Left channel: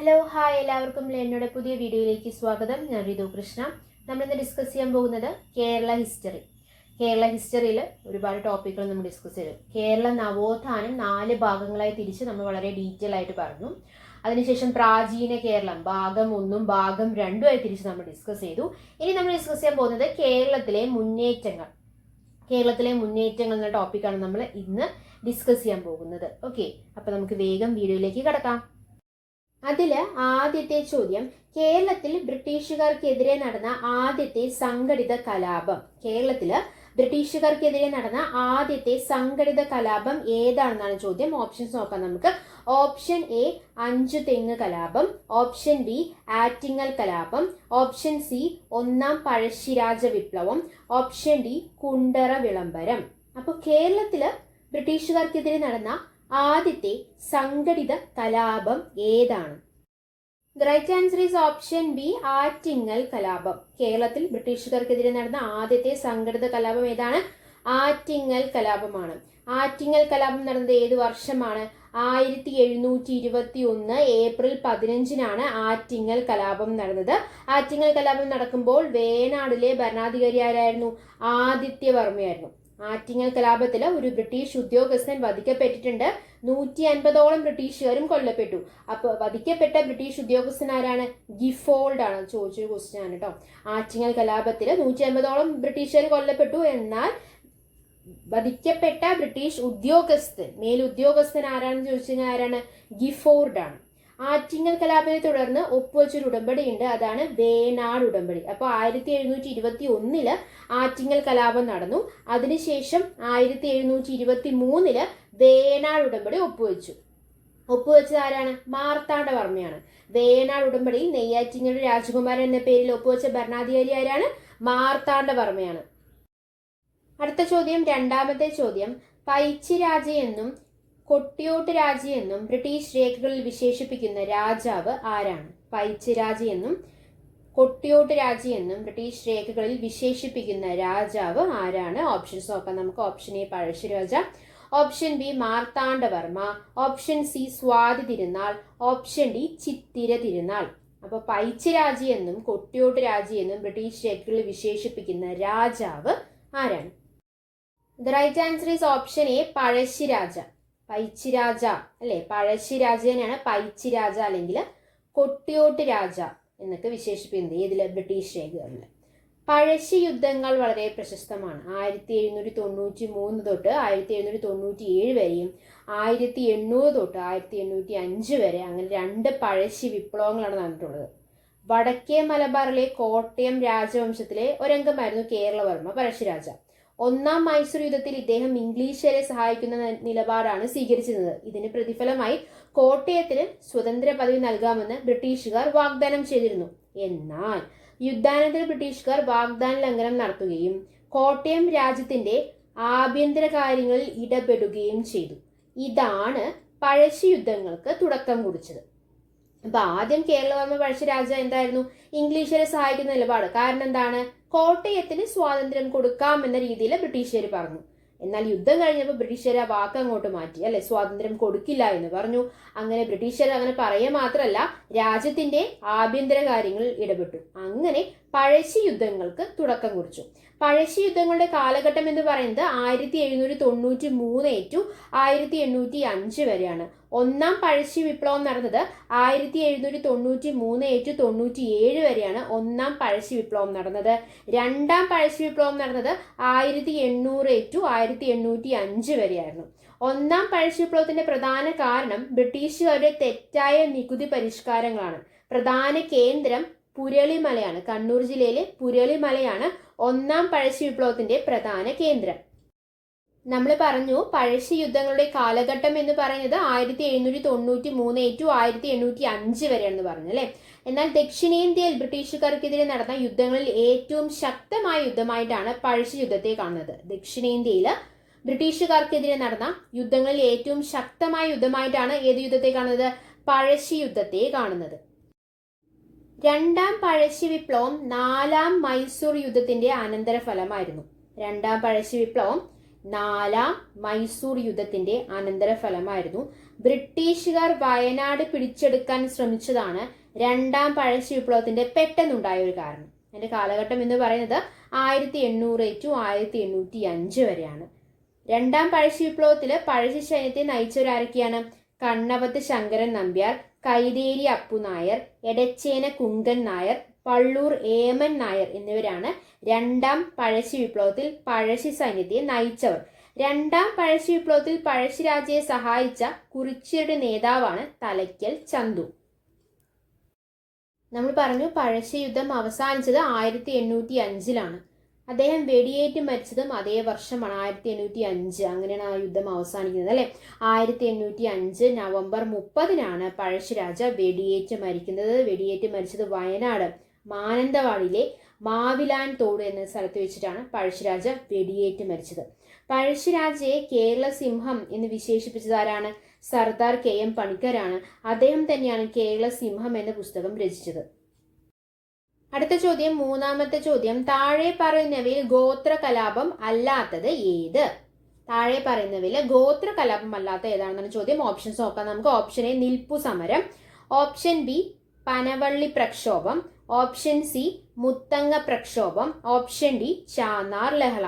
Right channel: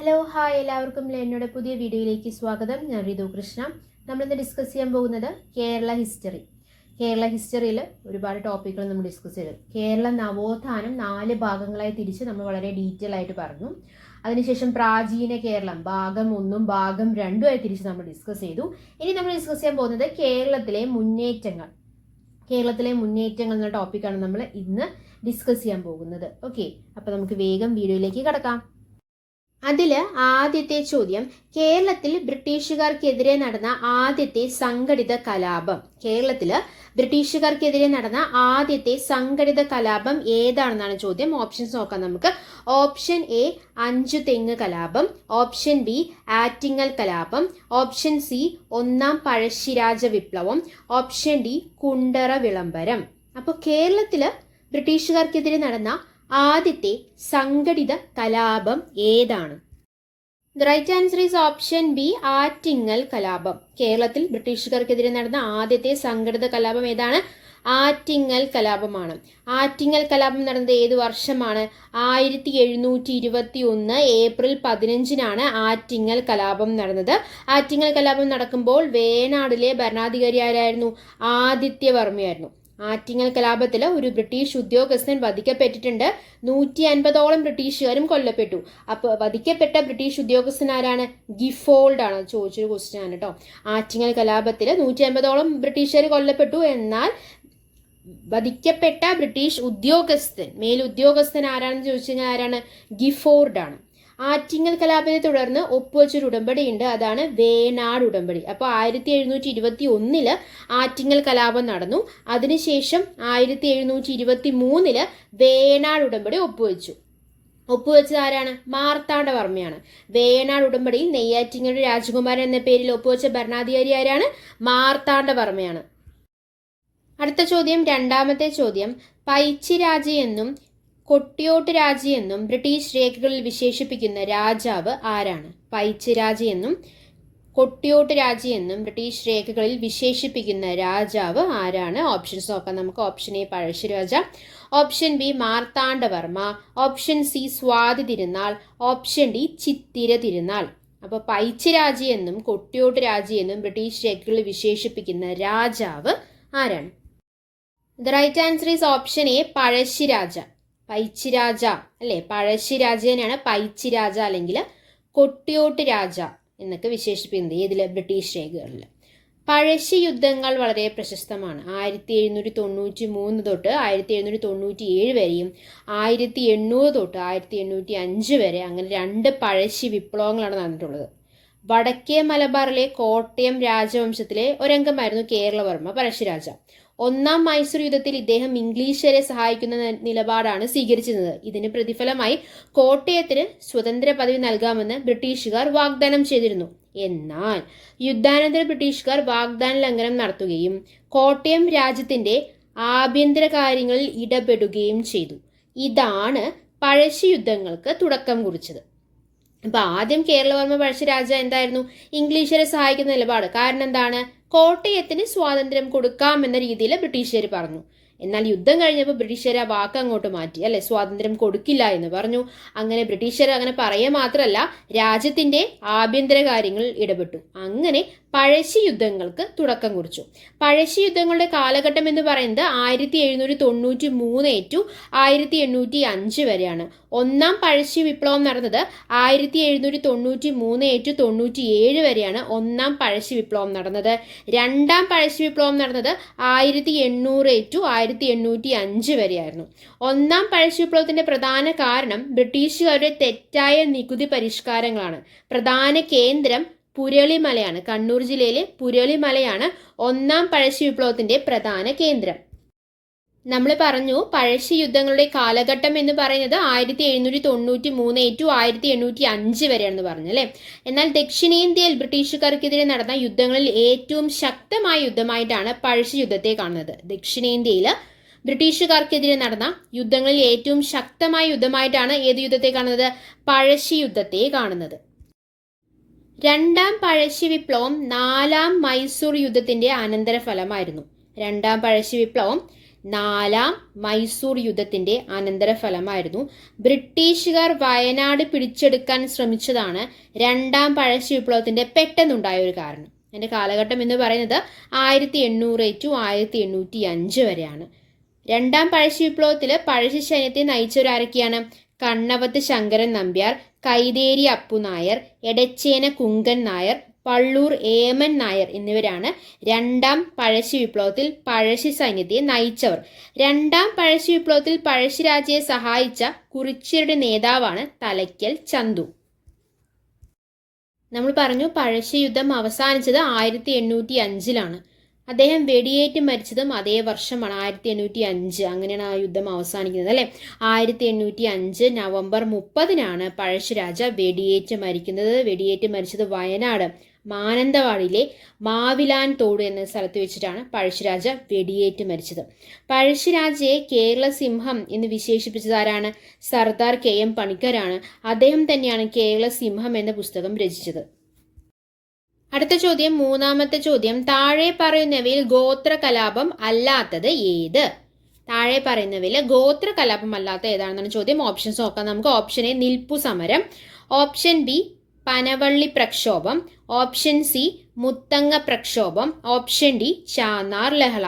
Hello hi എല്ലാവർക്കും എന്നോട് പുതിയ വീഡിയോയിലേക്ക് സ്വാഗതം. ഞാൻ റിതു കൃഷ്ണ. നമ്മളിന്ന് ഡിസ്കസ് ചെയ്യാൻ പോകുന്നത് കേരള ഹിസ്റ്ററിയിൽ ഒരുപാട് ടോപ്പിക്കുകൾ നമ്മൾ ഡിസ്കസ് ചെയ്തു. കേരള നവോത്ഥാനം 4 ഭാഗങ്ങളായി തിരിച്ച് നമ്മൾ വളരെ ഡീറ്റെയിൽ ആയിട്ട് പറഞ്ഞു. അതിനുശേഷം പ്രാചീന കേരളം ഭാഗം 1ഉം ഭാഗം 2ഉം ആയി തിരിച്ച് നമ്മൾ ഡിസ്കസ് ചെയ്തു. ഇനി നമ്മൾ ഡിസ്കസ് ചെയ്യാൻ പോകുന്നത് കേരളത്തിലെ മുന്നേറ്റങ്ങൾ എന്ന ടോപ്പിക്കാണ് നമ്മൾ ഇന്ന് ഡിസ്കസ് ചെയ്യാൻ പോകുന്നത്. ഓക്കെ, അപ്പോൾ നമുക്ക് വേഗം വീഡിയോയിലേക്ക് കടക്കാം. അതിൽ ആദ്യത്തെ ചോദ്യം, കേരളത്തിൽ ബ്രിട്ടീഷുകാർക്കെതിരെ നടന്ന ആദ്യത്തെ സംഘടിത കലാപം ഏതാണെന്നാണ് ചോദ്യം. ഓപ്ഷൻസ് നോക്കാം നമുക്ക്. ഓപ്ഷൻ എ അഞ്ചുതെങ്ങ് കലാപം, ഓപ്ഷൻ ബി ആറ്റിങ്ങൽ കലാപം, ഓപ്ഷൻ സി ഒന്നാം പഴശ്ശിരാജ വിപ്ലവം, ഓപ്ഷൻ ഡി കുണ്ടറ വിളംബരം. അപ്പോൾ കേരളത്തിൽ ബ്രിട്ടീഷുകാർക്കെതിരെ നടന്ന ആദ്യത്തെ സംഘടിത കലാപം ഏതാണ്? The right answer is option B Attingal കലാപം. കേരളത്തിൽ ബ്രിട്ടീഷുകാർക്കെതിരെ നടന്ന ആദ്യത്തെ സംഘടിത കലാപം ഏതാണ്? ആറ്റിങ്ങൽ കലാപമാണ്. ആറ്റിങ്ങൽ കലാപം നടന്നത് ഏത് വർഷമാണ്? 1721 ഏപ്രിൽ 15-നാണ് ആറ്റിങ്ങൽ കലാപം നടന്നത്. ആറ്റിങ്ങൽ കലാപം നടക്കുമ്പോൾ വേണാടിലെ ഭരണാധികാരി ആരായിരുന്നു? ആദിത്യവർമ്മയായിരുന്നു. ആറ്റിങ്ങൽ കലാപത്തിൽ ഒരു ബ്രിട്ടീഷ് ഉദ്യോഗസ്ഥൻ വധിക്കപ്പെട്ടിട്ടുണ്ട്. 150ഓളം ബ്രിട്ടീഷുകാരും കൊല്ലപ്പെട്ടു. അപ്പോൾ വധിക്കപ്പെട്ട ബ്രിട്ടീഷ് ഉദ്യോഗസ്ഥൻ ആരാണ്? ഗിഫോൾഡ് ആണ്. ചോദിച്ചൊരു ക്വസ്റ്റ്യൻ ആണ് കേട്ടോ. ആറ്റിങ്ങൽ കലാപത്തിൽ 150ഓളം ബ്രിട്ടീഷുകാർ കൊല്ലപ്പെട്ടു. എന്നാൽ വധിക്കപ്പെട്ട ബ്രിട്ടീഷ് മേലുദ്യോഗസ്ഥൻ ആരാണെന്ന് ചോദിച്ചു കഴിഞ്ഞാൽ ആരാണ്? ഗിഫോർഡ് ആണ്. ആറ്റിങ്ങൽ കലാപത്തെ തുടർന്ന് ഒപ്പുവെച്ചൊരു ഉടമ്പടി ഉണ്ട്, അതാണ് വേണാട് ഉടമ്പടി. അപ്പോൾ 1721 ആറ്റിങ്ങൽ കലാപം നടന്നു. അതിനുശേഷം 1723 വേണാട് ഉടമ്പടി ഒപ്പുവെച്ചത് ആരാണ്? മാർത്താണ്ഡവർമ്മയാണ്. വേണാട് ഉടമ്പടിയിൽ നെയ്യാറ്റിങ്ങയുടെ രാജകുമാരൻ എന്ന പേരിൽ ഒപ്പുവെച്ച ഭരണാധികാരി ആരാണ്? മാർത്താണ്ഡവർമ്മയാണ്. അടുത്ത ചോദ്യം, രണ്ടാമത്തെ ചോദ്യം, പൈച്ചിരാജയെന്നും കൊട്ടിയോട്ട് രാജയെന്നും ബ്രിട്ടീഷ് രേഖകളിൽ വിശേഷിപ്പിക്കുന്ന രാജാവ് ആരാണ്? പൈച്ചിരാജയെന്നും കൊട്ടിയോട്ട് രാജയെന്നും ബ്രിട്ടീഷ് രേഖകളിൽ വിശേഷിപ്പിക്കുന്ന രാജാവ് ആരാണ്? ഓപ്ഷൻസ് നോക്കാം നമുക്ക്. Option A Pazhassi Raja, option B Marthanda Varma, option C Swathi Thirunal, option D Chithira Thirunal. അപ്പോൾ പൈച്ചിരാജയെന്നും കൊട്ടിയോട്ട് രാജയെന്നും ബ്രിട്ടീഷ് രേഖകളിൽ വിശേഷിപ്പിക്കുന്ന രാജാവ് ആരാണ്? The right answer is option A Pazhassiraja. Paichiraja അല്ലെ, പഴശ്ശിരാജനെയാണ് പൈച്ചിരാജ അല്ലെങ്കിൽ കൊട്ടിയോട്ട് രാജ എന്നൊക്കെ വിശേഷിപ്പിക്കുന്നത് ഏതിലെ? ബ്രിട്ടീഷ് രേഖകളിൽ. പഴശ്ശി യുദ്ധങ്ങൾ വളരെ പ്രശസ്തമാണ്. 1793 തൊട്ട് 1797 വരെയും 1800 തൊട്ട് 1805 വരെ അങ്ങനെ 2 പഴശ്ശി വിപ്ലവങ്ങളാണ് നടന്നിട്ടുള്ളത്. വടക്കേ മലബാറിലെ കോട്ടയം രാജവംശത്തിലെ ഒരംഗമായിരുന്നു കേരളവർമ്മ പഴശ്ശിരാജ. ഒന്നാം മൈസൂർ യുദ്ധത്തിൽ ഇദ്ദേഹം ഇംഗ്ലീഷുകാരെ സഹായിക്കുന്ന നിലപാടാണ് സ്വീകരിച്ചിരുന്നത്. ഇതിന് പ്രതിഫലമായി കോട്ടയത്തിന് സ്വതന്ത്ര പദവി നൽകാമെന്ന് ബ്രിട്ടീഷുകാർ വാഗ്ദാനം ചെയ്തിരുന്നു. എന്നാൽ യുദ്ധാനന്തര ബ്രിട്ടീഷുകാർ വാഗ്ദാന ലംഘനം നടത്തുകയും കോട്ടയം രാജ്യത്തിന്റെ ആഭ്യന്തര കാര്യങ്ങളിൽ ഇടപെടുകയും ചെയ്തു. ഇതാണ് പഴശ്ശി യുദ്ധങ്ങൾക്ക് തുടക്കം കുറിച്ചത്. അപ്പൊ ആദ്യം കേരളവർമ്മ പഴശ്ശിരാജ എന്തായിരുന്നു? ഇംഗ്ലീഷുകാരെ സഹായിക്കുന്ന നിലപാട്. കാരണം എന്താണ്? കോട്ടയത്തിന് സ്വാതന്ത്ര്യം കൊടുക്കാമെന്ന രീതിയിൽ ബ്രിട്ടീഷുകാർ പറഞ്ഞു. എന്നാൽ യുദ്ധം കഴിഞ്ഞപ്പോൾ ബ്രിട്ടീഷുകാർ ആ വാക്ക് അങ്ങോട്ട് മാറ്റി, അല്ലെ, സ്വാതന്ത്ര്യം കൊടുക്കില്ല എന്ന് പറഞ്ഞു. അങ്ങനെ ബ്രിട്ടീഷുകാർ അങ്ങനെ പറയുക മാത്രമല്ല, രാജ്യത്തിന്റെ ആഭ്യന്തര കാര്യങ്ങളിൽ ഇടപെട്ടു. അങ്ങനെ പഴശ്ശി യുദ്ധങ്ങൾക്ക് തുടക്കം കുറിച്ചു. പഴശ്ശി യുദ്ധങ്ങളുടെ കാലഘട്ടം എന്ന് പറയുന്നത് 1793 ടു 1805 വരെയാണ്. ഒന്നാം പഴശ്ശി വിപ്ലവം നടന്നത് 1793 ടു 97 വരെയാണ് ഒന്നാം പഴശ്ശി വിപ്ലവം നടന്നത്. രണ്ടാം പഴശ്ശി വിപ്ലവം നടന്നത് 1800 ടു 1805 വരെയായിരുന്നു. ഒന്നാം പഴശ്ശി വിപ്ലവത്തിന്റെ പ്രധാന കാരണം ബ്രിട്ടീഷുകാരുടെ തെറ്റായ നികുതി പരിഷ്കാരങ്ങളാണ്. പ്രധാന കേന്ദ്രം പുരളിമലയാണ്. കണ്ണൂർ ജില്ലയിലെ പുരളിമലയാണ് ഒന്നാം പഴശ്ശി വിപ്ലവത്തിന്റെ പ്രധാന കേന്ദ്രം. നമ്മൾ പറഞ്ഞു പഴശ്ശി യുദ്ധങ്ങളുടെ കാലഘട്ടം എന്ന് പറയുന്നത് 1793 ടു 1805 വരെയാണെന്ന് പറഞ്ഞു അല്ലെ. എന്നാൽ ദക്ഷിണേന്ത്യയിൽ ബ്രിട്ടീഷുകാർക്കെതിരെ നടന്ന യുദ്ധങ്ങളിൽ ഏറ്റവും ശക്തമായ യുദ്ധമായിട്ടാണ് പഴശ്ശി യുദ്ധത്തെ കാണുന്നത്. ദക്ഷിണേന്ത്യയിൽ ബ്രിട്ടീഷുകാർക്കെതിരെ നടന്ന യുദ്ധങ്ങളിൽ ഏറ്റവും ശക്തമായ യുദ്ധമായിട്ടാണ് ഏത് യുദ്ധത്തെ കാണുന്നത്? പഴശ്ശി യുദ്ധത്തെ കാണുന്നത്. രണ്ടാം പഴശ്ശി വിപ്ലവം 4ാം മൈസൂർ യുദ്ധത്തിന്റെ അനന്തരഫലമായിരുന്നു. രണ്ടാം പഴശ്ശി വിപ്ലവം നാലാം മൈസൂർ യുദ്ധത്തിന്റെ അനന്തരഫലമായിരുന്നു. ബ്രിട്ടീഷുകാർ വയനാട് പിടിച്ചെടുക്കാൻ ശ്രമിച്ചതാണ് രണ്ടാം പഴശ്ശി വിപ്ലവത്തിന്റെ പെട്ടെന്നുണ്ടായ ഒരു കാരണം. അതിന്റെ കാലഘട്ടം എന്ന് പറയുന്നത് 1800 to 1805 വരെയാണ്. രണ്ടാം പഴശ്ശി വിപ്ലവത്തിൽ പഴശ്ശി സൈന്യത്തെ നയിച്ചവരാരൊക്കെയാണ്? കണ്ണവത്ത് ശങ്കരൻ നമ്പ്യാർ, കൈതേരി അപ്പുനായർ, എടച്ചേന കുങ്കൻ നായർ, പള്ളൂർ ഏമൻ നായർ എന്നിവരാണ് രണ്ടാം പഴശ്ശി വിപ്ലവത്തിൽ പഴശ്ശി സൈന്യത്തെ നയിച്ചവർ. രണ്ടാം പഴശ്ശി വിപ്ലവത്തിൽ പഴശ്ശിരാജയെ സഹായിച്ച കുറിച്യരുടെ നേതാവാണ് തലയ്ക്കൽ ചന്തു. നമ്മൾ പറഞ്ഞു പഴശ്ശി യുദ്ധം അവസാനിച്ചത് 1805 അദ്ദേഹം വെടിയേറ്റ് മരിച്ചതും അതേ വർഷമാണ്, 1805. അങ്ങനെയാണ് ആ യുദ്ധം അവസാനിക്കുന്നത് അല്ലെ. 1805 നവംബർ 30 പഴശ്ശിരാജ വെടിയേറ്റ് മരിക്കുന്നത്. വെടിയേറ്റ് മരിച്ചത് വയനാട് മാനന്തവാടിയിലെ മാവിലാൻ തോട് എന്ന സ്ഥലത്ത് വെച്ചിട്ടാണ് പഴശ്ശിരാജ വെടിയേറ്റ് മരിച്ചത്. പഴശ്ശിരാജയെ കേരള സിംഹം എന്ന് വിശേഷിപ്പിച്ചത് ആരാണ്? സർദാർ KM പണിക്കരാണ്. അദ്ദേഹം തന്നെയാണ് കേരള സിംഹം എന്ന പുസ്തകം രചിച്ചത്. അടുത്ത ചോദ്യം, മൂന്നാമത്തെ ചോദ്യം, താഴെ പറയുന്നവയിൽ ഗോത്ര കലാപം അല്ലാത്തത് ഏത്? താഴെ പറയുന്നവയിൽ ഗോത്ര കലാപം അല്ലാത്ത ഏതാണെന്നാണ് ചോദ്യം. ഓപ്ഷൻസ് നോക്കാം നമുക്ക്. ഓപ്ഷൻ എ നിൽപ്പു സമരം, ഓപ്ഷൻ ബി പനവള്ളി പ്രക്ഷോഭം, ഓപ്ഷൻ സി മുത്തങ്ങ പ്രക്ഷോഭം, ഓപ്ഷൻ ഡി ചാന്നാർ ലഹള.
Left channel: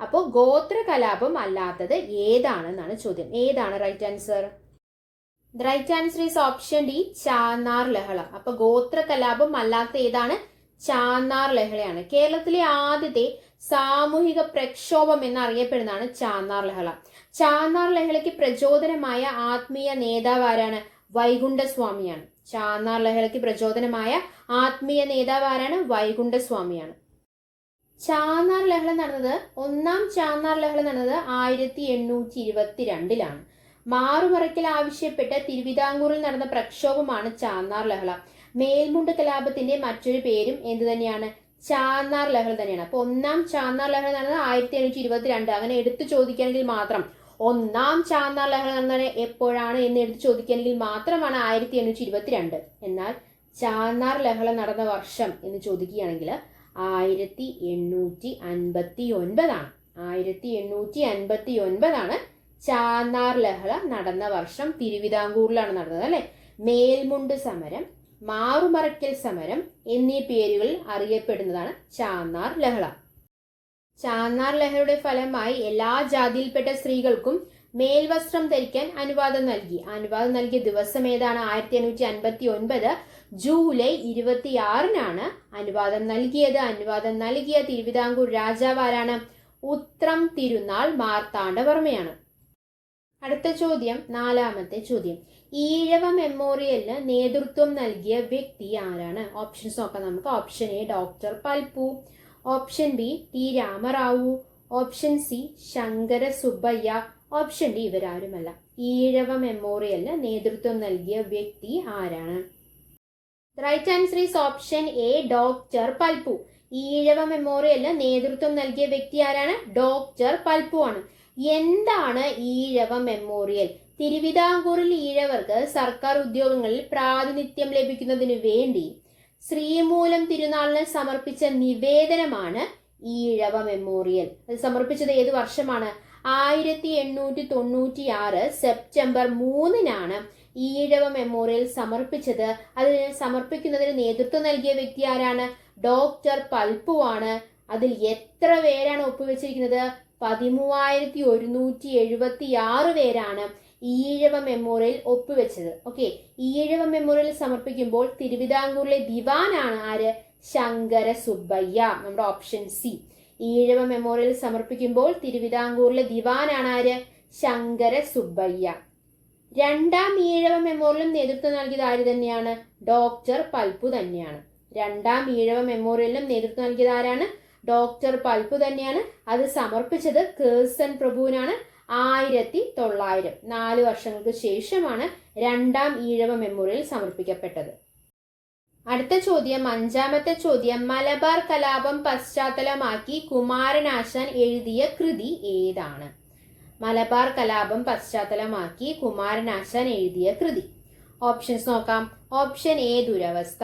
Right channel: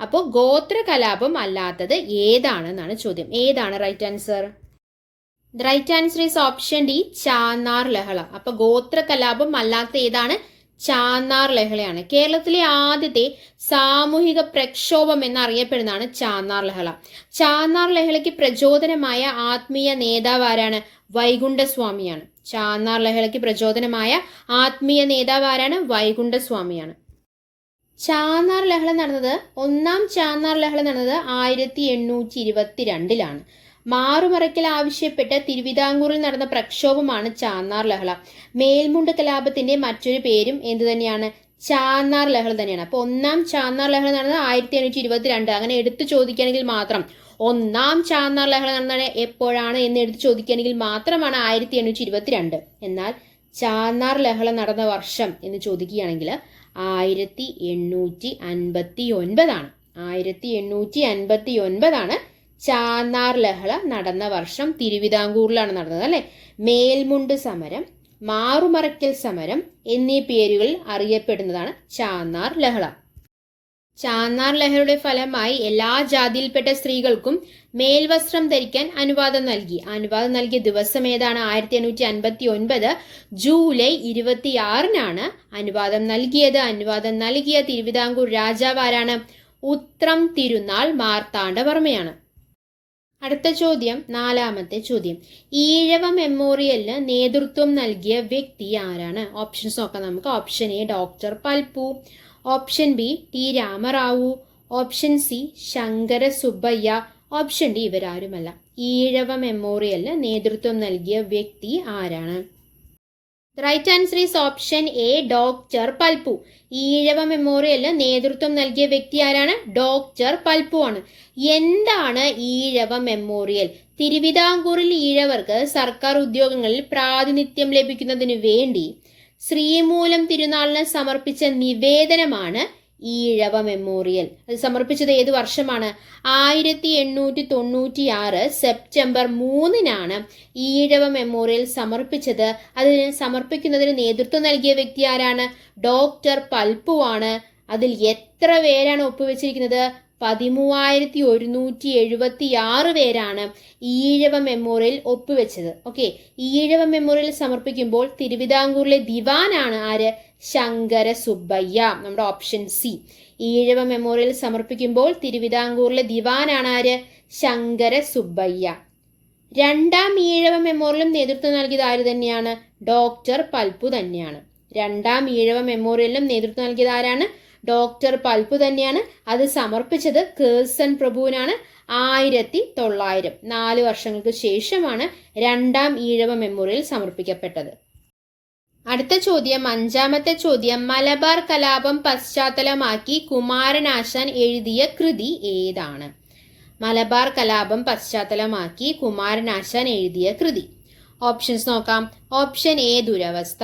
അപ്പോൾ ഗോത്ര കലാപം അല്ലാത്തത് ഏതാണെന്നാണ് ചോദ്യം. ഏതാണ് right answer? The right answer is option D Channar ലഹള. അപ്പൊ ഗോത്ര കലാപം അല്ലാത്ത ഏതാണ്? ചാന്നാർ ലഹളയാണ്. കേരളത്തിലെ ആദ്യത്തെ സാമൂഹിക പ്രക്ഷോഭം എന്നറിയപ്പെടുന്നതാണ് ചാന്നാർ ലഹള. ചാന്നാർ ലഹളയ്ക്ക് പ്രചോദനമായ ആത്മീയ നേതാവ് ആരാണ്? വൈകുണ്ഠസ്വാമിയാണ്. ചാന്നാർ ലഹളയ്ക്ക് പ്രചോദനമായ ആത്മീയ നേതാവ് ആരാണ്? വൈകുണ്ഠസ്വാമിയാണ്. ചാന്നാർ ലഹള നടന്നത്, ഒന്നാം ചാന്നാർ ലഹള നടന്നത് 1822 മാറുമറയ്ക്കൽ ആവശ്യപ്പെട്ട് തിരുവിതാംകൂറിൽ നടന്ന പ്രക്ഷോഭമാണ് ചാന്നാർ ലഹള. മേൽമുണ്ട് കലാപത്തിന്റെ മറ്റൊരു പേരും എന്ത് തന്നെയാണ്? ചാന്നാർ ലഹള തന്നെയാണ്. അപ്പൊ ഒന്നാം ചാന്നാർ ലഹള നടന്നത് 1822. അങ്ങനെ എടുത്തു ചോദിക്കുകയാണെങ്കിൽ മാത്രം ഒന്നാം ചാന്നാർ ലഹള നടന്നത് എപ്പോഴാണ് എന്ന് എടുത്തു ചോദിക്കുകയാണെങ്കിൽ മാത്രമാണ് 1822. എന്നാൽ ചാന്നാർ ലഹള നടന്ന വർഷം എന്ന് ചോദിക്കുകയാണെങ്കിൽ 1859. 1859 ചാന്നാർ ലഹള നടന്ന വർഷം. തിരുവിതാംകൂറിലാണ് നടന്നത് അല്ലെ. മേൽമുണ്ട് സമരം, മാറുമറയ്ക്കൽ സമരം എന്നീ പേരുകളിൽ അറിയപ്പെടുന്നതാണ് ചാന്നാർ ലഹള. ചാന്നാർ ലഹളയുടെ ഫലമായി എല്ലാ ജാതിയിൽപ്പെട്ട സ്ത്രീകൾക്കും മേൽവസ്ത്രം ധരിക്കാൻ അനുവാദം നൽകി. അനുവാദം നൽകിയ ദിവസം ഏതാണ്? 1859 ജൂലൈ 26 അനുവാദം നൽകിയത്. അനുവാദം നൽകിയ തിരുവിതാംകൂർ രാജാവ് ആരാണ്? ഉത്രം തിരുനാൾ മാർത്താണ്ഡവർമ്മയാണ്. അടുത്ത ചോദ്യം, നാലാമത്തെ ചോദ്യം, ഈഴവ മെമ്മോറിയലിന് നേതൃത്വം നൽകിയ വ്യക്തി ആരാണ്? ഓപ്ഷൻസ് നോക്കാം നമുക്ക്. Option A doctor Palpu, option B T Ramarao, option C Shankara Subbaiah, option D ഇവരാരുമല്ല. ഈഴവ മെമ്മോറിയലിന് നേതൃത്വം നൽകിയ വ്യക്തി ആരാണ്? Right answer is option A doctor Palpu. Ezhava മെമ്മോറിയലിന് നേതൃത്വം നൽകിയ വ്യക്തി ആരാണ്? ഡോക്ടർ പൽപ്പു ആണ്. എന്താണ് ഈഴവ മെമ്മോറിയൽ? തിരുവിതാംകൂറിൽ ഈഴവർക്ക് സർക്കാർ ഉദ്യോഗങ്ങളിൽ പ്രാതിനിധ്യം ലഭിക്കുന്നതിന് വേണ്ടി ശ്രീമൂലം തിരുനാളിന് സമർപ്പിച്ച നിവേദനമാണ് ഈഴവ മെമ്മോറിയൽ. അത് സമർപ്പിച്ചത് ഏത് വർഷമാണ്? 1896 സെപ്റ്റംബർ 3 ഈഴവ മെമ്മോറിയൽ സമർപ്പിച്ചത്. അതിന് സമർപ്പിക്കുന്നതിന് നേതൃത്വം നൽകിയ വ്യക്തി ആരാണ്? ഡോക്ടർ പൽപ്പു ആണ്. അതിൽ എത്ര പേരാണ് ഒപ്പുവെച്ചിരിക്കുന്നത്? 13,176 പേരാണ് ഈഴവ മെമ്മോറിയൽ ഒപ്പുവെച്ചത്. ഓക്കെ, ഈഴവ മെമ്മോറിയൽ സമർപ്പിക്കുമ്പോൾ തിരുവിതാംകൂറിലെ ദിവാനാണ് ആര്? ശങ്കര സുബ്ബയ്യ. നമ്മുടെ ഓപ്ഷൻ സി. ഈഴവ മെമ്മോറിയൽ സമർപ്പിക്കുമ്പോൾ തിരുവിതാംകൂറിലെ ദിവാനാണ് ആര്? ശങ്കര സുബ്ബയ്യ. രണ്ടാം ഈഴവ മെമ്മോറിയലും നേതൃത്വം നൽകിയത് ആര് തന്നെയാണ്? ഡോക്ടർ പൽപ്പു തന്നെയാണ്. രണ്ടാം ഈഴവ മെമ്മോറിയലിനും നേതൃത്വം നൽകിയത് ആരാണ്? ഡോക്ടർ പൽപ്പു തന്നെയാണ്. അത് സമർപ്പിച്ചത് കേഴ്സൺ പ്രഭുവിനാണ്. 1900, 4 വർഷങ്ങൾക്ക് ശേഷമാണ് രണ്ടാം ഈഴവ മെമ്മോറിയൽ സമർപ്പിക്കപ്പെട്ടത്. അടുത്ത ചോദ്യം, അഞ്ചാമത്തെ ചോദ്യം, മലബാർ കലാപം പശ്ചാത്തലമാക്കി കുമാരനാശാൻ എഴുതിയ കൃതി ഏതാണ്? മലബാർ കലാപം പശ്ചാത്തലമാക്കി കുമാരനാശാൻ എഴുതിയ കൃതി. ഓപ്ഷൻസ് നോക്കാം. ഓപ്ഷൻ എ ദുരവസ്ഥ,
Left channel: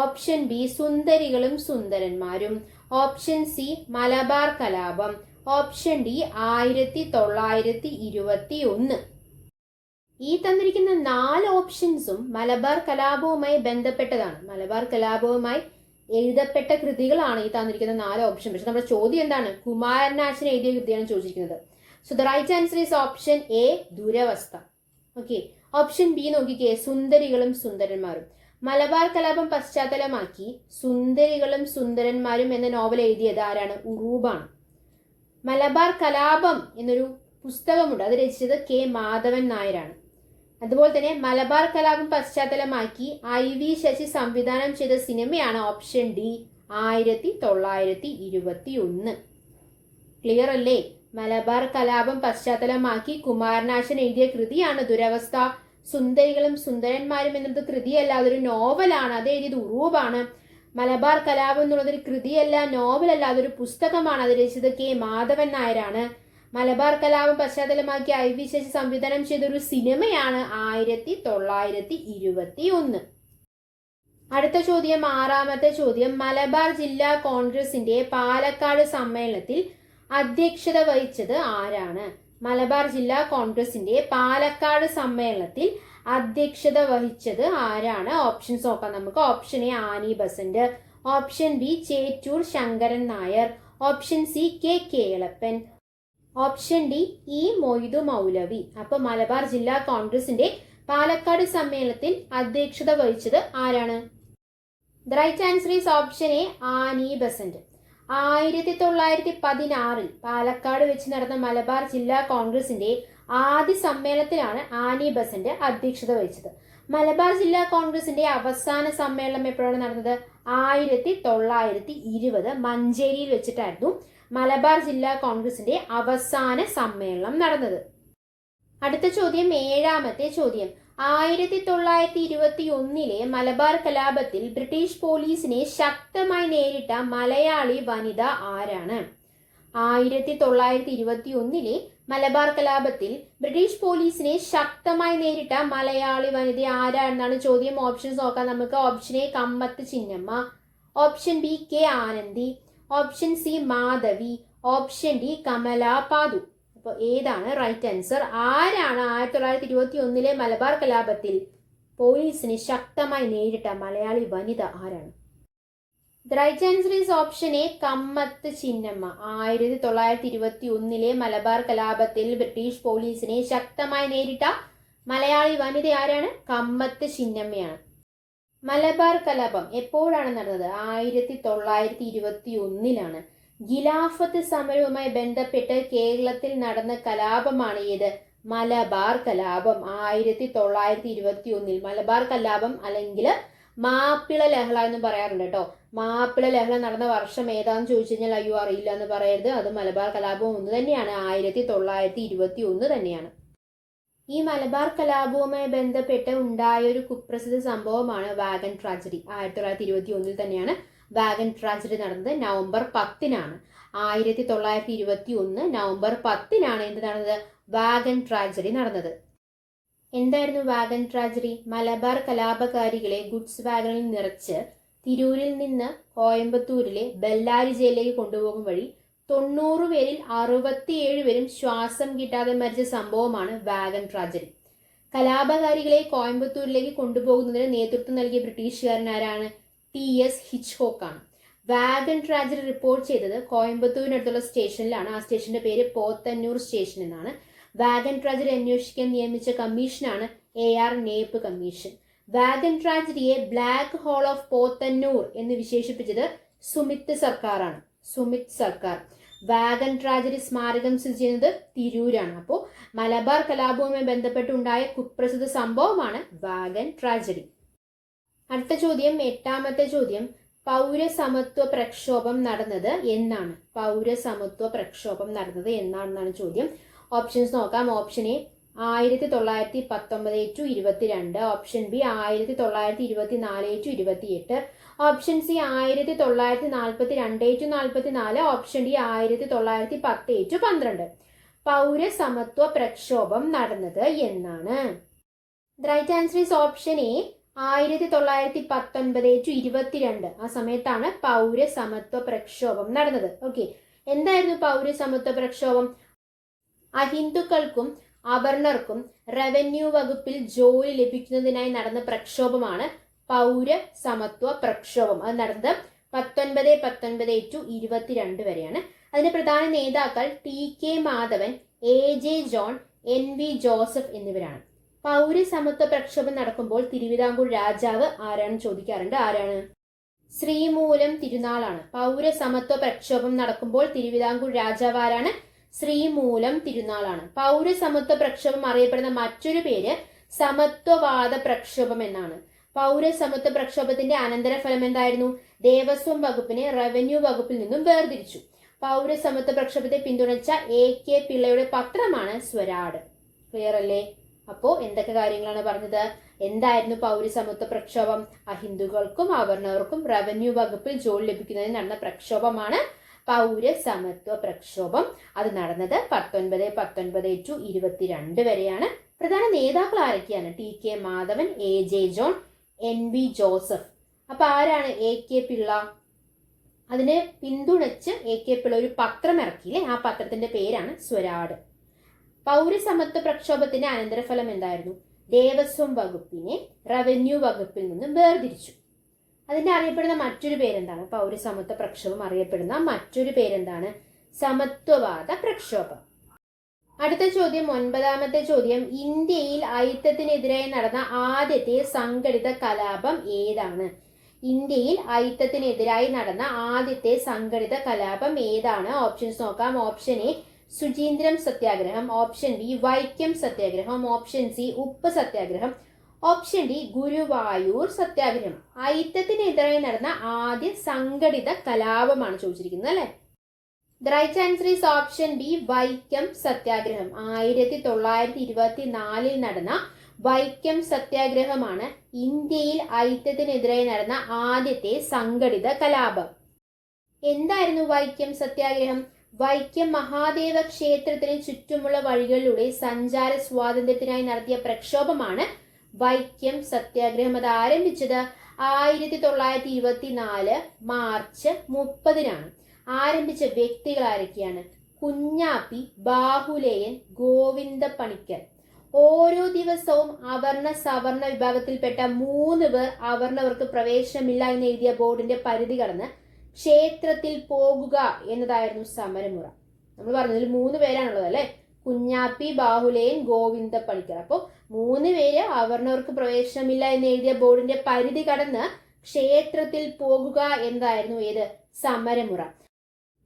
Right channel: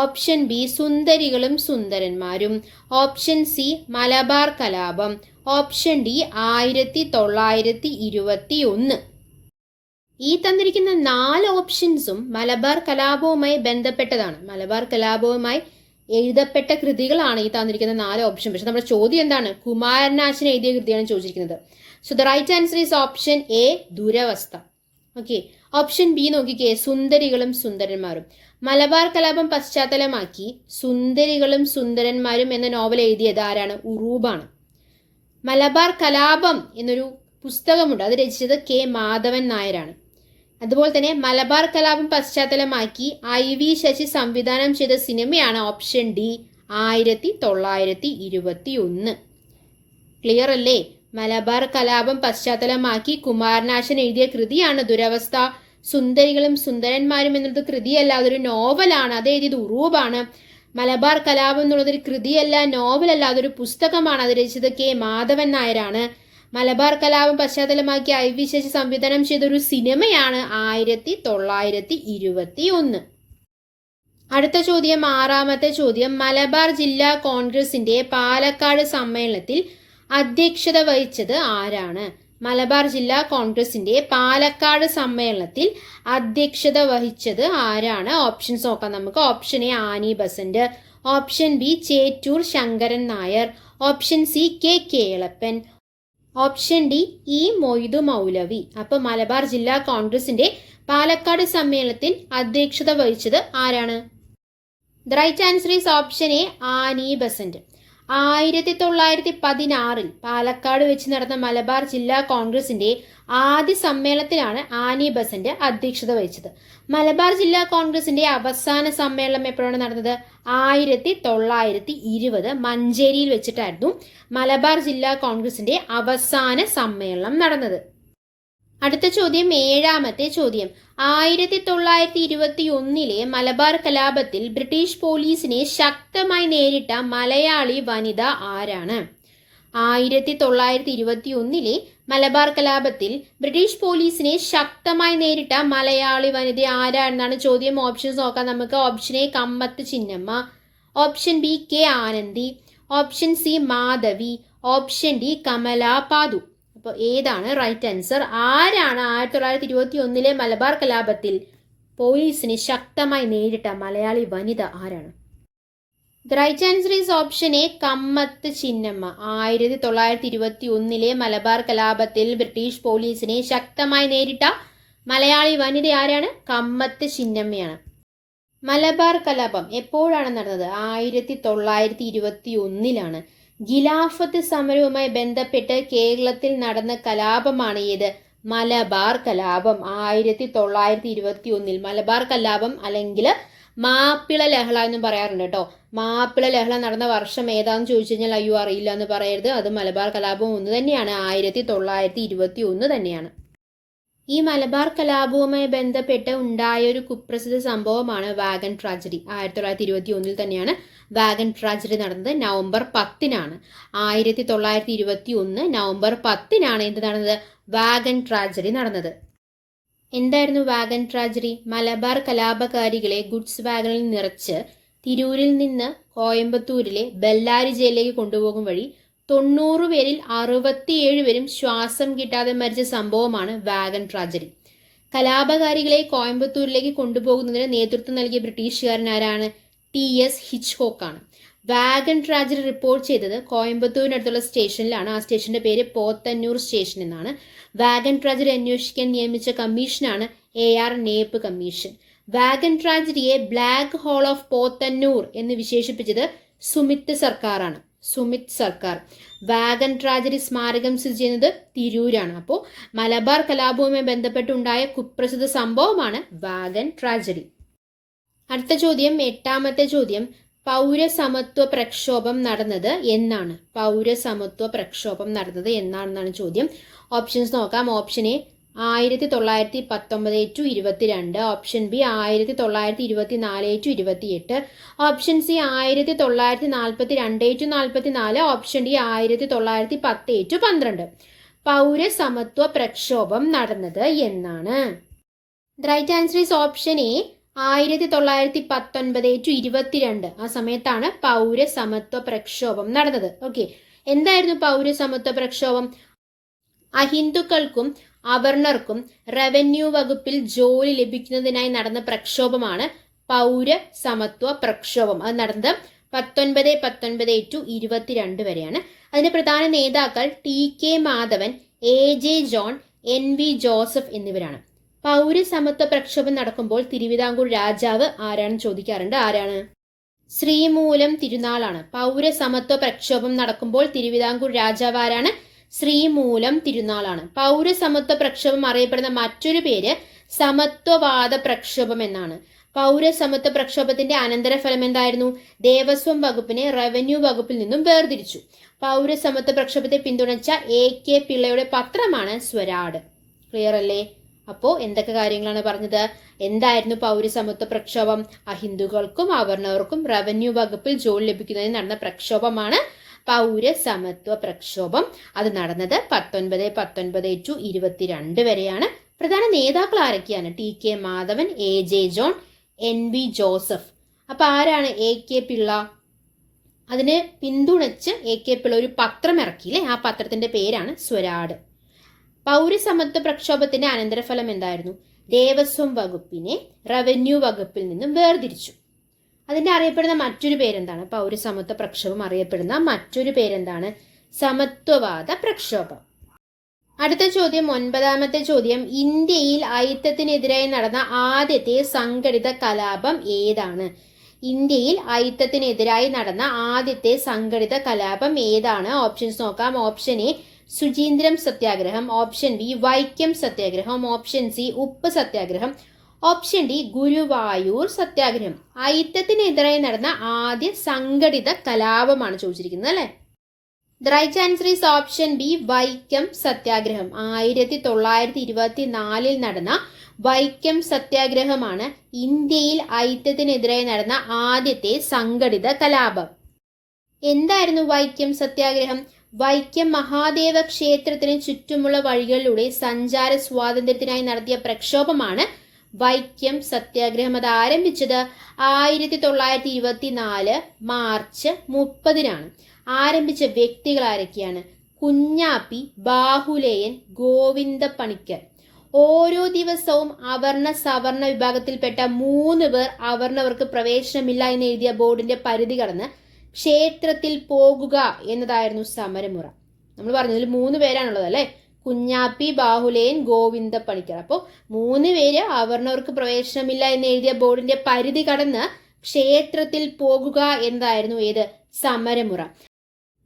ഓപ്ഷൻ ബി സുന്ദരികളും സുന്ദരന്മാരും, ഓപ്ഷൻ സി മലബാർ കലാപം, ഓപ്ഷൻ ഡി 1921. ഈ തന്നിരിക്കുന്ന 4 ഓപ്ഷൻസും മലബാർ കലാപവുമായി ബന്ധപ്പെട്ടതാണ്. മലബാർ കലാപവുമായി എഴുതപ്പെട്ട കൃതികളാണ് ഈ തന്നിരിക്കുന്ന 4 ഓപ്ഷൻ. പക്ഷെ നമ്മുടെ ചോദ്യം എന്താണ്? കുമാരനാശൻ എഴുതിയ കൃതിയാണ് ചോദിച്ചിരിക്കുന്നത്. So the right answer is option A Duravastha. Okay. Option B നോക്കിക്കേ, സുന്ദരികളും സുന്ദരന്മാരും. മലബാർ കലാപം പശ്ചാത്തലമാക്കി സുന്ദരികളും സുന്ദരന്മാരും എന്ന നോവൽ എഴുതിയത് ആരാണ്? ഉറൂബാണ്. മലബാർ കലാപം എന്നൊരു പുസ്തകമുണ്ട്, അത് രചിച്ചത് കെ മാധവൻ നായരാണ്. അതുപോലെ തന്നെ മലബാർ കലാപം പശ്ചാത്തലമാക്കി IV ശശി സംവിധാനം ചെയ്ത സിനിമയാണ് ഓപ്ഷൻ ഡി 1921. ക്ലിയർ അല്ലേ? മലബാർ കലാപം പശ്ചാത്തലമാക്കി കുമാരനാശൻ എഴുതിയ കൃതിയാണ് ദുരവസ്ഥ. സുന്ദരികളും സുന്ദരന്മാരും എന്നത് കൃതിയല്ല, അതൊരു നോവലാണ്. അത് എഴുതിയത് ഉറൂബാണ്. മലബാർ കലാപം എന്നുള്ളതൊരു കൃതിയല്ല, നോവലല്ല, അതൊരു പുസ്തകമാണ്. അത് രചിച്ചത് കെ മാധവൻ നായരാണ്. മലബാർ കലാപം പശ്ചാത്തലമാക്കി IV ശശി സംവിധാനം ചെയ്ത ഒരു സിനിമയാണ് 1921. അടുത്ത ചോദ്യം, 6ാമത്തെ ചോദ്യം. മലബാർ ജില്ലാ കോൺഗ്രസിന്റെ പാലക്കാട് സമ്മേളനത്തിൽ അധ്യക്ഷത വഹിച്ചത് ആരാണ്? മലബാർ ജില്ലാ കോൺഗ്രസിന്റെ പാലക്കാട് സമ്മേളനത്തിൽ അധ്യക്ഷത വഹിച്ചത് ആരാണ്? ഓപ്ഷൻസ് നോക്കാം നമുക്ക്. Option A Annie Besant, option B Chettur Sankaran Nair, option C K Kelappan, option D E Moidu Moulavi. അപ്പൊ മലബാർ ജില്ലാ കോൺഗ്രസിന്റെ പാലക്കാട് സമ്മേളനത്തിൽ അധ്യക്ഷത വഹിച്ചത് ആരാണ്? The right answer is option A Annie Besant. 1916 Palakkad വെച്ച് നടന്ന മലബാർ ജില്ലാ കോൺഗ്രസിന്റെ ആദ്യ സമ്മേളനത്തിലാണ് ആനി ബസന്റ് അധ്യക്ഷത വഹിച്ചത്. മലബാർ ജില്ലാ കോൺഗ്രസിന്റെ അവസാന സമ്മേളനം എപ്പോഴാണ് നടന്നത്? 1920 മഞ്ചേരിയിൽ വെച്ചിട്ടായിരുന്നു മലബാർ ജില്ലാ കോൺഗ്രസിന്റെ അവസാന സമ്മേളനം നടന്നത്. അടുത്ത ചോദ്യം, 7ാമത്തെ ചോദ്യം. 1921 മലബാർ കലാപത്തിൽ ബ്രിട്ടീഷ് പോലീസിനെ ശക്തമായി നേരിട്ട മലയാളി വനിത ആരാണ്? 1921 മലബാർ കലാപത്തിൽ ബ്രിട്ടീഷ് പോലീസിനെ ശക്തമായി നേരിട്ട മലയാളി വനിത ആരാണെന്നാണ് ചോദ്യം. ഓപ്ഷൻസ് നോക്കാം നമുക്ക്. Option A Kammath Chinnamma, option B K Anandi, option C Madhavi, option D Kamala Pathu. അപ്പോൾ ഏതാണ് റൈറ്റ് ആൻസർ? ആരാണ് 1921 മലബാർ കലാപത്തിൽ പോലീസിനെ ശക്തമായി നേരിട്ട മലയാളി വനിത ആരാണ്? The right answer is option A Kammath Chinnamma. 1921 Malabar കലാപത്തിൽ ബ്രിട്ടീഷ് പോലീസിനെ ശക്തമായി നേരിട്ട മലയാളി വനിത ആരാണ്? കമ്മത്ത് ചിന്നമ്മയാണ്. മലബാർ കലാപം എപ്പോഴാണ് നടന്നത്? 1921 ഖിലാഫത്ത് സമരവുമായി ബന്ധപ്പെട്ട് കേരളത്തിൽ നടന്ന കലാപമാണ് ഏത്? മലബാർ കലാപം. 1921 മലബാർ കലാപം അല്ലെങ്കിൽ മാപ്പിള ലഹള എന്ന് പറയാറുണ്ട് കേട്ടോ. മാപ്പിള ലഹള നടന്ന വർഷം ഏതാന്ന് ചോദിച്ചു കഴിഞ്ഞാൽ അയ്യോ അറിയില്ല എന്ന് പറയരുത്. അത് മലബാർ കലാപം ഒന്ന് തന്നെയാണ്, 1921 തന്നെയാണ്. ഈ മലബാർ കലാപവുമായി ബന്ധപ്പെട്ട് ഉണ്ടായ ഒരു കുപ്രസിദ്ധ സംഭവമാണ് വാഗൺ ട്രാജഡി. 1921 തന്നെയാണ് വാഗൺ ട്രാജഡി നടന്നത്. നവംബർ 10 1921 നവംബർ 10 എന്ത് നടന്നത്? വാഗൺ ട്രാജഡി നടന്നത്. എന്തായിരുന്നു വാഗൺ ട്രാജഡി? മലബാർ കലാപകാരികളെ ഗുഡ്സ് വാഗണിൽ നിറച്ച് തിരൂരിൽ നിന്ന് കോയമ്പത്തൂരിലെ ബെല്ലാരി ജയിലിലേക്ക് കൊണ്ടുപോകും വഴി 90 പേരിൽ 67 പേരും ശ്വാസം കിട്ടാതെ മരിച്ച സംഭവമാണ് വാഗൺ ട്രാജഡി. കലാപകാരികളെ കോയമ്പത്തൂരിലേക്ക് കൊണ്ടുപോകുന്നതിന് നേതൃത്വം നൽകിയ ബ്രിട്ടീഷുകാരൻ ആരാണ്? TS ഹിച്ച്കോക്ക് ആണ്. വാഗൺ ട്രാജഡി റിപ്പോർട്ട് ചെയ്തത് കോയമ്പത്തൂരിനടുത്തുള്ള സ്റ്റേഷനിലാണ്. ആ സ്റ്റേഷന്റെ പേര് പോത്തന്നൂർ സ്റ്റേഷൻ എന്നാണ്. വാഗൺ ട്രാജഡി അന്വേഷിക്കാൻ നിയമിച്ച കമ്മീഷനാണ് AR നേപ്പ് കമ്മീഷൻ. വാഗൺ ട്രാജഡിയെ ബ്ലാക്ക് ഹോൾ ഓഫ് പോത്തന്നൂർ എന്ന് വിശേഷിപ്പിച്ചത് സുമിത് സർക്കാരാണ്. സുമിത് സർക്കാർ. വാഗൺ ട്രാജഡി സ്മാരകം സ്ഥിതി ചെയ്യുന്നത് തിരൂരാണ്. അപ്പോൾ മലബാർ കലാപവുമായി ബന്ധപ്പെട്ടുണ്ടായ കുപ്രസിദ്ധ സംഭവമാണ് വാഗൺ ട്രാജഡി. അടുത്ത ചോദ്യം, 8ാമത്തെ ചോദ്യം. പൗരസമത്വ പ്രക്ഷോഭം നടന്നത് എന്നാണ്? പൗരസമത്വ പ്രക്ഷോഭം നടന്നത് എന്നാണെന്നാണ് ചോദ്യം. ഓപ്ഷൻസ് നോക്കാം. Option A 1919-22, option B 1924-28, option C 1942-44, option D 1910-12. പൗരസമത്വ പ്രക്ഷോഭം നടന്നത് എന്നാണ്? The right answer is option A. 1919-22 ആ സമയത്താണ് പൗരസമത്വ പ്രക്ഷോഭം നടന്നത്. ഓക്കെ, എന്തായിരുന്നു പൗരസമത്വ പ്രക്ഷോഭം? അഹിന്ദുക്കൾക്കും അവർണർക്കും റവന്യൂ വകുപ്പിൽ ജോലി ലഭിക്കുന്നതിനായി നടന്ന പ്രക്ഷോഭമാണ് പൗരസമത്വ പ്രക്ഷോഭം. അത് നടന്നത് 1919-22 വരെയാണ്. അതിന്റെ പ്രധാന നേതാക്കൾ TK Madhavan, AJ John, NV Joseph എന്നിവരാണ്. പൗരസമത്വ പ്രക്ഷോഭം നടക്കുമ്പോൾ തിരുവിതാംകൂർ രാജാവ് ആരാണെന്ന് ചോദിക്കാറുണ്ട്. ആരാണ്? ശ്രീമൂലം തിരുനാളാണ്. പൗരസമത്വ പ്രക്ഷോഭം നടക്കുമ്പോൾ തിരുവിതാംകൂർ രാജാവ് ആരാണ്? ശ്രീമൂലം തിരുനാളാണ്. പൗരസമത്വ പ്രക്ഷോഭം അറിയപ്പെടുന്ന മറ്റൊരു പേര് സമത്വവാദ പ്രക്ഷോഭം എന്നാണ്. പൗരസമത്വ പ്രക്ഷോഭത്തിന്റെ അനന്തരഫലം എന്തായിരുന്നു? ദേവസ്വം വകുപ്പിനെ റവന്യൂ വകുപ്പിൽ നിന്നും വേർതിരിച്ചു. പൗരസമത്വ പ്രക്ഷോഭത്തെ പിന്തുണച്ച AK പിള്ളയുടെ പത്രമാണ് സ്വരാട്. ക്ലിയർ അല്ലേ? അപ്പോ എന്തൊക്കെ കാര്യങ്ങളാണ് പറഞ്ഞത്? എന്തായിരുന്നു പൗരസമത്വ പ്രക്ഷോഭം? അഹിന്ദുക്കൾക്കും അവർണർക്കും റവന്യൂ വകുപ്പിൽ ജോലി ലഭിക്കുന്നതിന് നടന്ന പ്രക്ഷോഭമാണ് പൗരസമത്വ പ്രക്ഷോഭം. അത് നടന്നത് 1919-22 വരെയാണ്. പ്രധാന നേതാക്കൾ ആരൊക്കെയാണ്? TK Madhavan, AJ John, NV Joseph. അപ്പൊ ആരാണ് AK പിള്ള? അതിനെ പിന്തുണച്ച് AK പിള്ള ഒരു പത്രം ഇറക്കിയില്ലേ, ആ പത്രത്തിന്റെ പേരാണ് സ്വരാട്. പൗരസമത്വ പ്രക്ഷോഭത്തിന്റെ അനന്തരഫലം എന്തായിരുന്നു? ദേവസ്വം വകുപ്പിനെ റവന്യൂ വകുപ്പിൽ നിന്നും വേർതിരിച്ചു. അതിന്റെ അറിയപ്പെടുന്ന മറ്റൊരു പേരെന്താണ്? പൗരസമത്വ പ്രക്ഷോഭം അറിയപ്പെടുന്ന മറ്റൊരു പേരെന്താണ്? സമത്വവാദ പ്രക്ഷോഭം. അടുത്ത ചോദ്യം, 9ാമത്തെ ചോദ്യം. ഇന്ത്യയിൽ അയിത്തത്തിനെതിരായി നടന്ന ആദ്യത്തെ സംഘടിത കലാപം ഏതാണ്? ഇന്ത്യയിൽ അയിത്തത്തിനെതിരായി നടന്ന ആദ്യത്തെ സംഘടിത കലാപം ഏതാണ്? ഓപ്ഷൻസ് നോക്കാം. ഓപ്ഷൻ എ ശുചീന്ദ്രം സത്യാഗ്രഹം, ഓപ്ഷൻ ബി വൈക്കം സത്യാഗ്രഹം, ഓപ്ഷൻ സി ഉപ്പ് സത്യാഗ്രഹം, ഓപ്ഷൻ ഡി ഗുരുവായൂർ സത്യാഗ്രഹം. അയിത്തത്തിനെതിരായി നടന്ന ആദ്യ സംഘടിത കലാപമാണ് ചോദിച്ചിരിക്കുന്നത് അല്ലെ. The right answer is option B Vaikom Satyagraha. 1924 നടന്ന വൈക്കം സത്യാഗ്രഹമാണ് ഇന്ത്യയിൽ അയിത്തത്തിനെതിരായി നടന്ന ആദ്യത്തെ സംഘടിത കലാപം. എന്തായിരുന്നു വൈക്കം സത്യാഗ്രഹം? വൈക്കം മഹാദേവ ക്ഷേത്രത്തിന് ചുറ്റുമുള്ള വഴികളിലൂടെ സഞ്ചാര സ്വാതന്ത്ര്യത്തിനായി നടത്തിയ പ്രക്ഷോഭമാണ് വൈക്കം സത്യാഗ്രഹം. അത് ആരംഭിച്ചത് 1924 മാർച്ച് 30-നാണ്. ആരംഭിച്ച വ്യക്തികൾ ആരൊക്കെയാണ്? കുഞ്ഞാപ്പി, ബാഹുലേയൻ, ഗോവിന്ദ പണിക്കർ. ഓരോ ദിവസവും അവർണ സവർണ വിഭാഗത്തിൽപ്പെട്ട 3 പേർ അവർണവർക്ക് പ്രവേശനമില്ല എന്ന് എഴുതിയ ബോർഡിന്റെ പരിധി കടന്ന് ക്ഷേത്രത്തിൽ പോകുക എന്നതായിരുന്നു സമരമുറ. നമ്മൾ പറഞ്ഞതിൽ 3 പേരാണുള്ളത് അല്ലെ. കുഞ്ഞാപ്പി, ബാഹുലേയൻ, ഗോവിന്ദ പണിക്കർ. അപ്പോൾ 3 പേര് അവർണവർക്ക് പ്രവേശനമില്ല എന്ന് എഴുതിയ ബോർഡിന്റെ പരിധി കടന്ന് ക്ഷേത്രത്തിൽ പോകുക എന്നതായിരുന്നു ഏത്? സമരമുറ.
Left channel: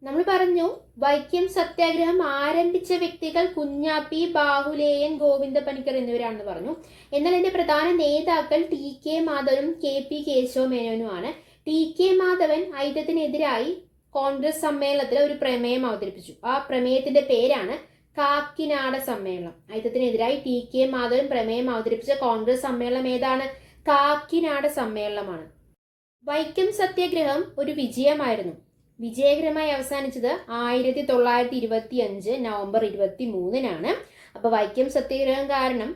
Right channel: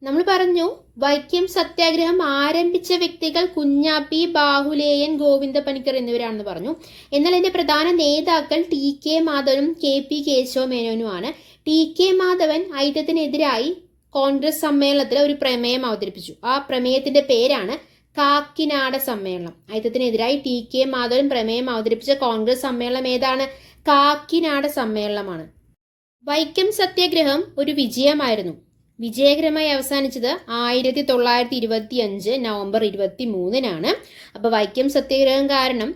നമ്മൾ പറഞ്ഞു വൈക്കം സത്യാഗ്രഹം ആരംഭിച്ച വ്യക്തികൾ കുഞ്ഞാപ്പി, ബാഹുലേയൻ, ഗോവിന്ദ പണിക്കർ എന്നിവരാണെന്ന് പറഞ്ഞു. എന്നാൽ ഇതിന്റെ പ്രധാന നേതാക്കൾ TK മാധവനും KP Keshava മേനോനുമാണ്. TK Madhavan അയിത്തത്തിനെതിരായി Congress സമ്മേളനത്തിൽ ഒരു പ്രമേയം അവതരിപ്പിച്ചു. ആ പ്രമേയത്തിന്റെ പേരാണ് കാക്കിനാട സമ്മേളനം. അയിത്തത്തിനെതിരായി TK മാധവൻ പ്രമേയം അവതരിപ്പിച്ച കോൺഗ്രസ് സമ്മേളനം ഏതാണ്? കാക്കിനാട സമ്മേളനമാണ്. വൈക്കം സത്യാഗ്രഹം ഒരു വിജയമായിരുന്നു. വിജയകരമായി അവസാനിച്ചത് 1925 നവംബർ 23-നാണ്. അപ്പൊ വൈക്കം സത്യാഗ്രഹം കാരണം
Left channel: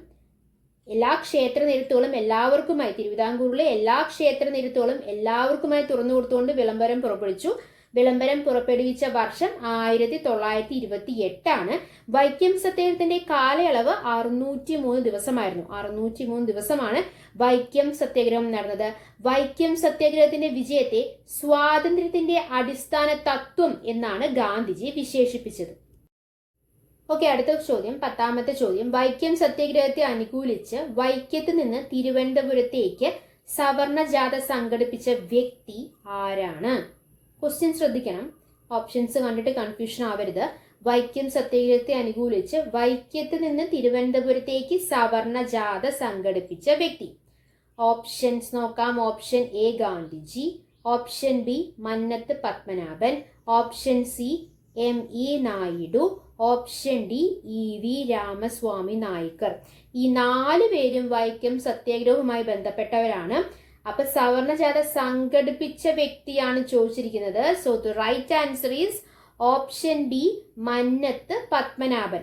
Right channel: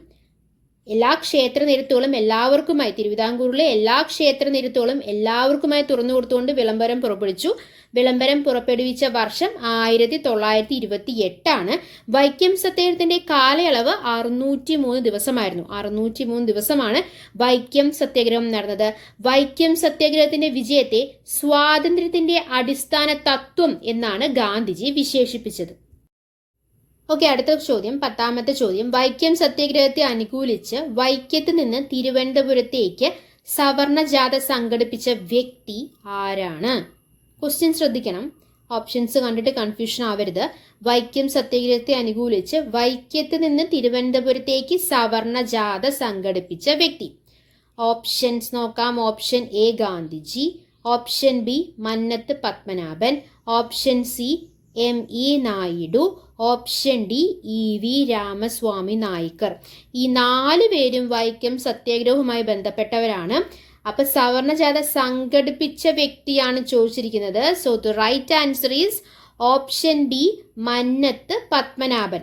എല്ലാ ക്ഷേത്ര നിരത്തുകളും എല്ലാവർക്കുമായി, തിരുവിതാംകൂറിലെ എല്ലാ ക്ഷേത്ര നിരത്തുകളും എല്ലാവർക്കുമായി തുറന്നു കൊടുത്തുകൊണ്ട് വിളംബരം പുറപ്പെടുവിച്ചു. വിളംബരം പുറപ്പെടുവിച്ച വർഷം 1928-ആണ്. വൈക്കം സത്യാഗ്രഹത്തിന്റെ കാലയളവ് 603 ദിവസമായിരുന്നു. 603 ദിവസമാണ് വൈക്കം സത്യാഗ്രഹം നടന്നത്. വൈക്കം സത്യാഗ്രഹത്തിന്റെ വിജയത്തെ സ്വാതന്ത്ര്യത്തിന്റെ അടിസ്ഥാന തത്വം എന്നാണ് ഗാന്ധിജി വിശേഷിപ്പിച്ചത്. ഓക്കെ, അടുത്ത ചോദ്യം, 10ാമത്തെ ചോദ്യം. വൈക്കം സത്യാഗ്രഹത്തെ അനുകൂലിച്ച് വൈക്കത്ത് നിന്ന് തിരുവനന്തപുരത്തേക്ക് സവർണ ജാഥ സംഘടിപ്പിച്ച വ്യക്തി ആരാണ്? ക്വസ്റ്റ്യൻ ശ്രദ്ധിക്കണം. ഓപ്ഷൻസ് കണ്ടിട്ട് കൺഫ്യൂഷൻ ആവരുത്. വൈക്കം സത്യാഗ്രഹത്തെ അനുകൂലിച്ച് വൈക്കത്ത് നിന്ന് തിരുവനന്തപുരത്തേക്ക് സവർണ ജാഥ സംഘടിപ്പിച്ച വ്യക്തി. ഓപ്ഷൻസ് നോക്കാം. Option A Gandhiji, option B Mannath Padmanabhan, option C ME Naidu, option D EV Ramaswamy Naicker. ഈ 4 പേരും വൈക്കം സത്യാഗ്രഹവുമായി ബന്ധപ്പെട്ടവരാണ്. അപ്പൊ സവർണ ജാഥ സംഘടിപ്പിച്ച വ്യക്തിയാണ് ചോദിച്ചിരിക്കുന്നത്. So the right answer is option B Mannath Padmanabhan.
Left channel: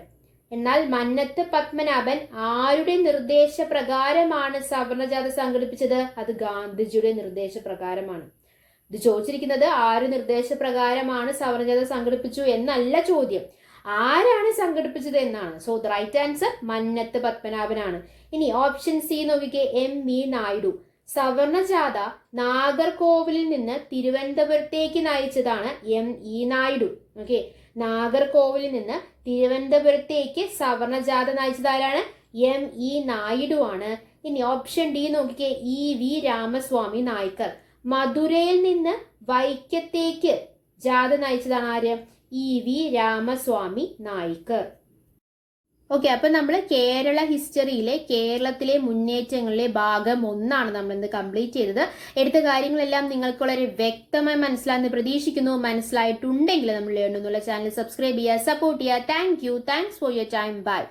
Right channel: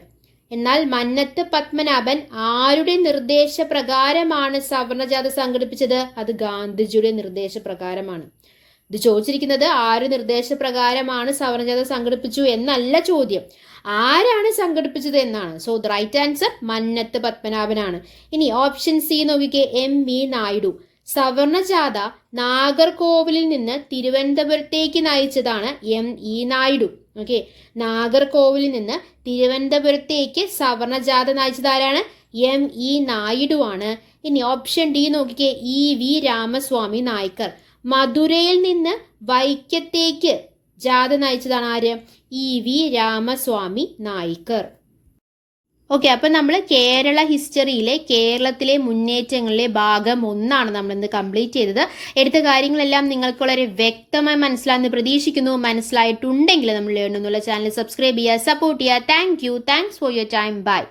എന്നാൽ മന്നത്ത് പത്മനാഭൻ ആരുടെ നിർദ്ദേശപ്രകാരമാണ് സവർണജാഥ സംഘടിപ്പിച്ചത്? അത് ഗാന്ധിജിയുടെ നിർദ്ദേശപ്രകാരമാണ്. ഇത് ചോദിച്ചിരിക്കുന്നത് ആര് നിർദ്ദേശപ്രകാരമാണ് സവർണജാഥ സംഘടിപ്പിച്ചു എന്നല്ല ചോദ്യം, ആരാണ് സംഘടിപ്പിച്ചത് എന്നാണ്. So the right answer Mannathu പത്മനാഭനാണ്. ഇനി ഓപ്ഷൻ സി നോക്കിക്കേ, MV നായിഡു. സവർണജാഥ നാഗർകോവിലിൽ നിന്ന് തിരുവനന്തപുരത്തേക്ക് നയിച്ചതാണ് ME നായിഡു. ഓക്കെ, നാഗർകോവിലിൽ നിന്ന് തിരുവനന്തപുരത്തേക്ക് സവർണജാഥ നയിച്ചത് ആരാണ്? ME നായിഡു ആണ്. ഇനി ഓപ്ഷൻ ഡി നോക്കിക്കേ, EV രാമസ്വാമി നായ്ക്കർ. മധുരയിൽ നിന്ന് വൈക്കത്തേക്ക് ജാഥ നയിച്ചതാണ് ആര്? EV രാമസ്വാമി നായ്ക്കർ. ഓക്കെ, അപ്പം നമ്മൾ കേരള ഹിസ്റ്ററിയിലെ കേരളത്തിലെ മുന്നേറ്റങ്ങളിലെ ഭാഗം 1 നമ്മളിന്ന് കംപ്ലീറ്റ് ചെയ്തത്. എടുത്ത കാര്യങ്ങളെല്ലാം നിങ്ങൾക്ക് വളരെ വ്യക്തമായി മനസ്സിലായെന്ന് പ്രതീക്ഷിക്കുന്നു. മനസ്സിലായിട്ടുണ്ടെങ്കിൽ നമ്മൾ ലേൺ എന്നുള്ള ചാനൽ സബ്സ്ക്രൈബ് ചെയ്യുക, സപ്പോർട്ട് ചെയ്യുക. Thanks for your time. By.